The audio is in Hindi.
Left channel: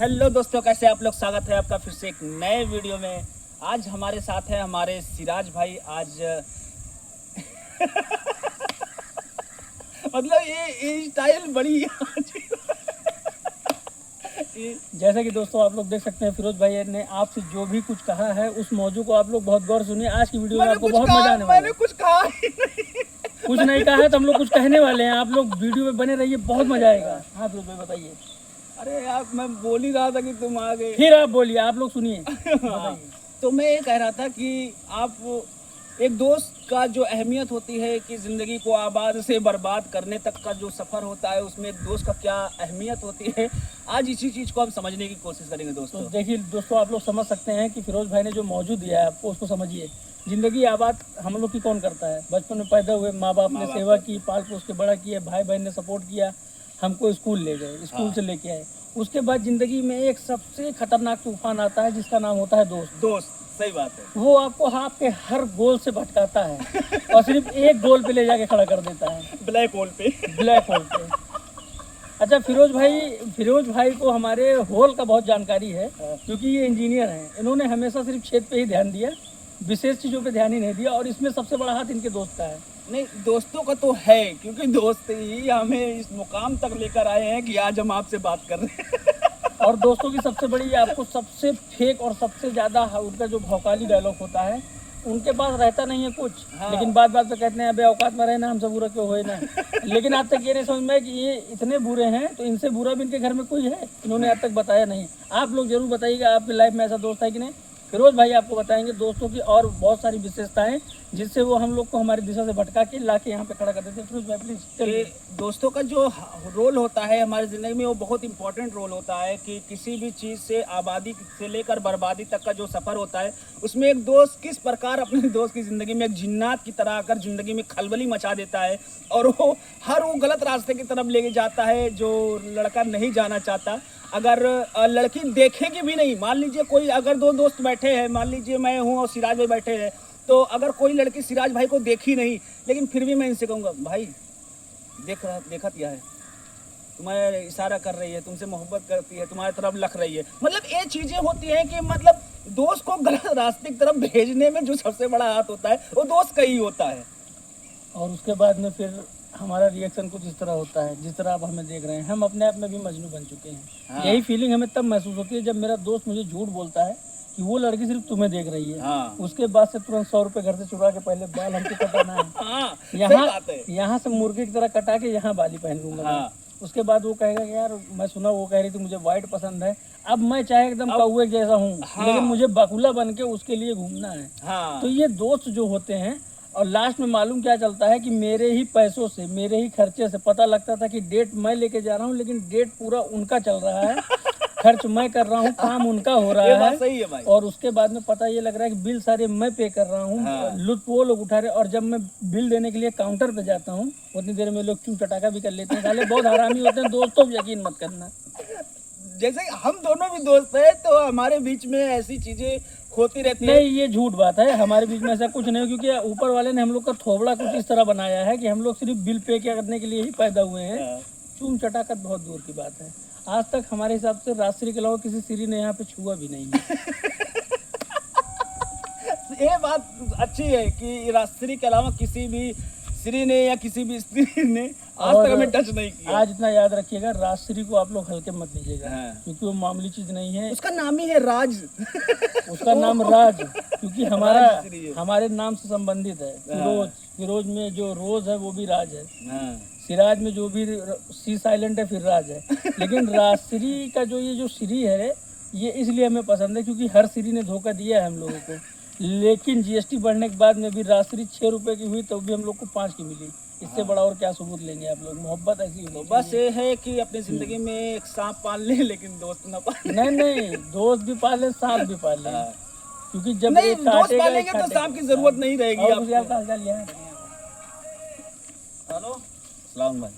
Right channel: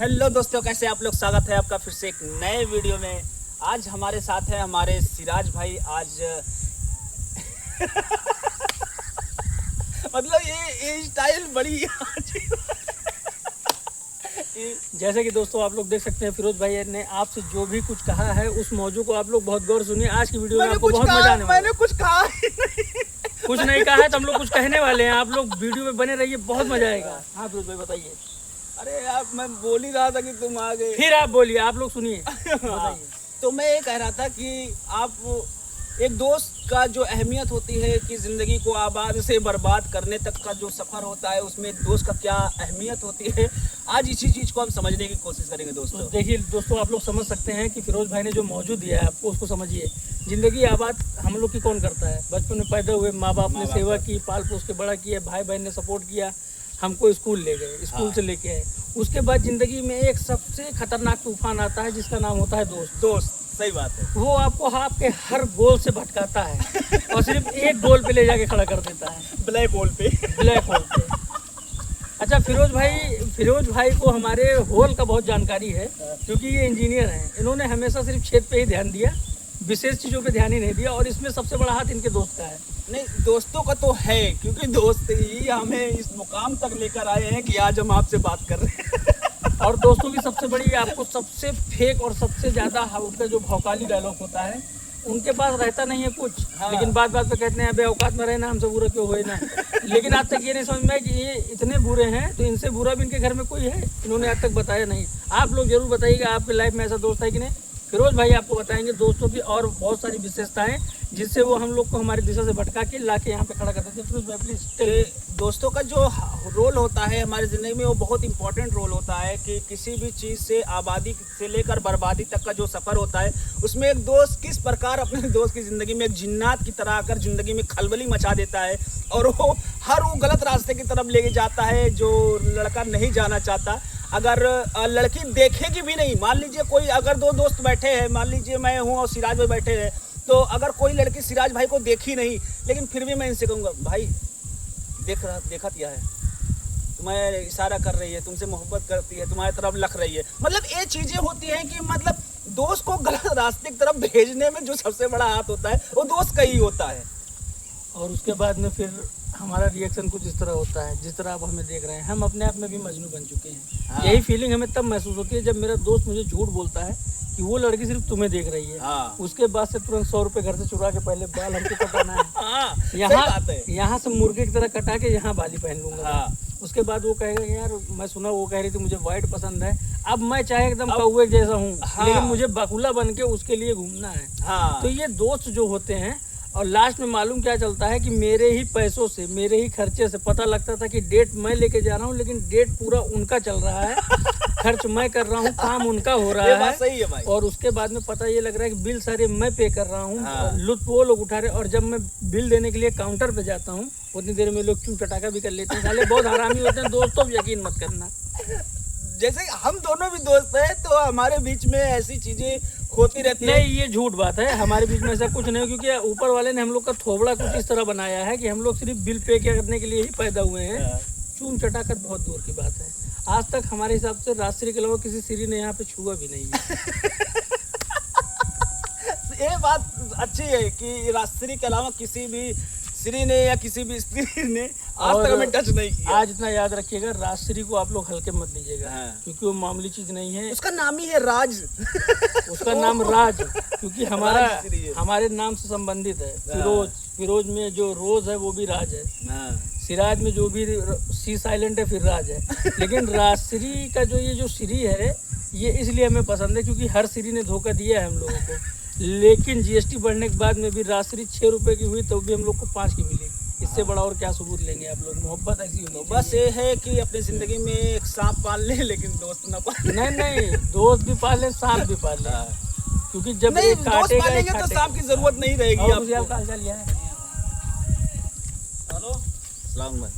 हेलो दोस्तों, कैसे आप लोग। स्वागत है आपका फिर से एक नए वीडियो में। आज हमारे साथ है हमारे सिराज भाई। आज मतलब ये स्टाइल बड़ी जैसे कि दोस्तों आप लोग देख सकते हैं, फिरोज भाई ने आपसे जो भी कुछ कहा है उस मौजू को आप लोग बहुत गौर सुनिए। आज की वीडियो में आपको बहुत मजा आने वाला है। मैंने कुछ कहा ही नहीं। कुछ नहीं कहा है तो हम लोग कुछ कहने वाले हैं। आप लोग वीडियो में बने रहिए, बहुत मजा आएगा। हाँ फिरोज भाई बताइए। अरे आप, मैं बोल ही रहा था कि तुम आ गए। फिर आप बोलिए, आप लोग सुनिए। बताइए। तो मैं ये कह रहा था कि आप एक दोस्त का जो अहमियत होती है कि ज़िंदगी को आबाद से बर्बाद करने तक का जो सफ़र होता है, उसमें एक दोस्त का क्या अहमियत होती है, आज इसी चीज़ को हम समझने की कोशिश करेंगे दोस्तों। तो देखिए दोस्तों, आप लोग समझ सकते हैं कि फिरोज भाई ने जो मौजू दिया है आपको, उसको समझिए। ज़िंदगी आबाद हम लोग की कौन करता है? बचपन में पैदा हुए, माँ बाप ने सेवा की, पाल पोस के बड़ा किया, भाई बहन ने सपोर्ट किया, हमको स्कूल ले गए, स्कूल से लेके आए। उसके बाद ज़िंदगी में एक सबसे खतरनाक तूफान आता है जिसका नाम होता है दोस्त। सही बात है। वो आपको आपके हर गोल से भटकाता है और सिर्फ एक गोल पे ले जाके खड़ा कर देता है, ब्लैक होल पे। अच्छा, फिरोज भाई को हमारे होल का बहुत जानकारी है, क्योंकि ये इंजीनियर हैं। इन्होंने हमेशा सिर्फ छेद पे ही ध्यान दिया, विशेष चीज़ों पे ध्यान ही नहीं दिया। और इसमें सबसे बड़ा हाथ इनके दोस्त का है। नहीं, दोस्तों का तो है, क्योंकि दोस्त ही हमें इस मुकाम तक लेकर आए हैं कि आज हम आपसे बात कर रहे हैं। और दोस्तों की सबसे बड़ी, आपको सबसे फेक और सबसे ज़्यादा उनका जो भौकाली डायलॉग होता है, उनके पास रहता नहीं है कुछ। हाँ। लेकिन बात पे कहते हैं अबे औकात में रहना, हमसे बुरा क्यों होए ना। लेकिन आज तक ये नहीं समझ में कि ये इतने बुरे हैं, तो इनसे बुरा भी इनके घर में कोई है? इन्होंने आज तक बताया नहीं। आप लोग जरूर बताइएगा आपकी लाइफ में ऐसा दोस्त है कि नहीं। फिरोज भाई आपको बताएंगे दोस्तों की और बहुत सारी विशेषताएं, जिससे वो हम लोग को हमारी दिशा से भटका के ला के यहाँ पे खड़ा कर देते हैं। फिरोज भाई प्लीज। दोस्तों का जो रोल होता है हमारी ज़िंदगी में, वो बहुत इंपॉर्टेंट रोल होता है कि किसी भी चीज़ से आबादी से लेकर बर्बादी तक का जो सफ़र होता है, उसमें एक दोस्त किस प्रकार अपने दोस्त की ज़िंदगी में एक जिन्नात की तरह आकर ज़िंदगी में खलबली मचा देता है, और वो गलत रास्ते की तरफ लेके जाता है जो लड़का नहीं जाना चाहता। अगर लड़की देखेगी भी नहीं, मान लीजिए कोई, अगर दो दोस्त बैठे हैं, मान लीजिए मैं हूँ और सिराज भाई बैठे हैं, तो अगर कोई लड़की सिराज भाई को देखी नहीं, लेकिन फिर भी मैं इनसे कहूँगा भाई देखा क्या है, तुम्हें इशारा कर रही है, तुमसे मोहब्बत करती है, तुम्हारी तरफ लख रही है। मतलब ये चीज़ें होती हैं कि मतलब दोस्त को गलत रास्ते की तरफ भेजने में जो सबसे बड़ा हाथ होता है वो दोस्त का ही होता है। और उसके बाद में फिर हमारा रिएक्शन कुछ इस तरह होता है जिस तरह आप हमें देख रहे हैं। हम अपने आप में भी मजनू बन चुके हैं। हाँ। यही फीलिंग हमें तब महसूस होती है जब मेरा दोस्त मुझे झूठ बोलता है कि वो लड़की सिर्फ तुम्हें देख रही है। हाँ। उसके बाद से तुरंत 100 रुपए घर से चुरा के पहले बाल हमको कटाना है। हाँ, यहाँ से मुर्गे की तरह कटा के यहाँ बाली पहन लूंगा। हाँ। उसके बाद वो कहेगा यार, मैं सुना वो कह रही थी मुझे व्हाइट पसंद है। अब मैं चाहे एकदम कौवे जैसा हूँ, हाँ, लेकिन मुझे बकुला बन के उसके लिए घूमना है। हाँ। तो ये दोस्त जो होते हैं, और लास्ट में मालूम क्या चलता है कि मेरे ही पैसों से, मेरे ही खर्चे से, पता लगता था कि डेट मैं लेके जा रहा हूँ, लेकिन डेट पूरा उनका चल रहा है। खर्च मैं कर रहा हूँ, काम उनका हो रहा है। सही है भाई। और उसके बाद में पता ये लग रहा है कि बिल सारे मैं पे कर रहा हूँ। हाँ। लुत्फ वो लोग उठा रहे। और जब मैं बिल देने के लिए काउंटर पे जाता हूँ, उतनी देर में लोग क्यों चटाका भी कर लेते हैं। साले बहुत हरामी होते हैं दोस्तों, यकीन मत करना। जैसे हम दोनों भी दोस्त हैं, तो हमारे बीच में ऐसी चीजें होती रहती है। नहीं, ये झूठ बात है। हमारे बीच में ऐसा कुछ नहीं, क्योंकि ऊपर वाले ने हम लोग का थोबड़ा कुछ इस तरह बनाया है कि हम लोग सिर्फ बिल पे करने के लिए ही पैदा हुए हैं। चूम चटाकर बहुत दूर की बात है। आज तक हमारे हिसाब से राजश्री के अलावा किसी सीरी ने यहाँ पे छुआ भी नहीं है। ये बात अच्छी है कि राजश्री के अलावा किसी भी श्री ने या किसी भी स्त्री ने आज तक हमें टच नहीं किया। आज इतना याद रखिएगा, राजश्री को आप लोग हल्के मत लीजिएगा। हाँ। क्योंकि वो मामूली चीज नहीं है। उसका नाम ही है राज। उसका नाम राज, क्योंकि हमारे नाम से संबंधित है। फिरोज में जो रोज है वो भी राज है। सिराज में जो भी सी साइलेंट है फिर राज है। लेकिन राजश्री का जो ये जो श्री है, ये इसलिए हमें पसंद है क्योंकि हर श्री ने धोखा दिया है हम लोगों को। लेकिन जीएसटी बढ़ने के बाद में भी राजश्री 6 रुपए की हुई तो भी हम लोग को 5 की मिली। इससे बड़ा और क्या सबूत लेंगे आप लोग। मोहब्बत ऐसी हो, बस ये है कि अपनी जिंदगी में एक सांप पाल ले, लेकिन दोस्त ना पाल। नहीं, दोस्त भी पाल ले, सांप भी पाल ले। क्योंकि जब एक काटेगा तो सांप की जरूरत नहीं रहेगी। आपको। हेलो, सलाम भाई।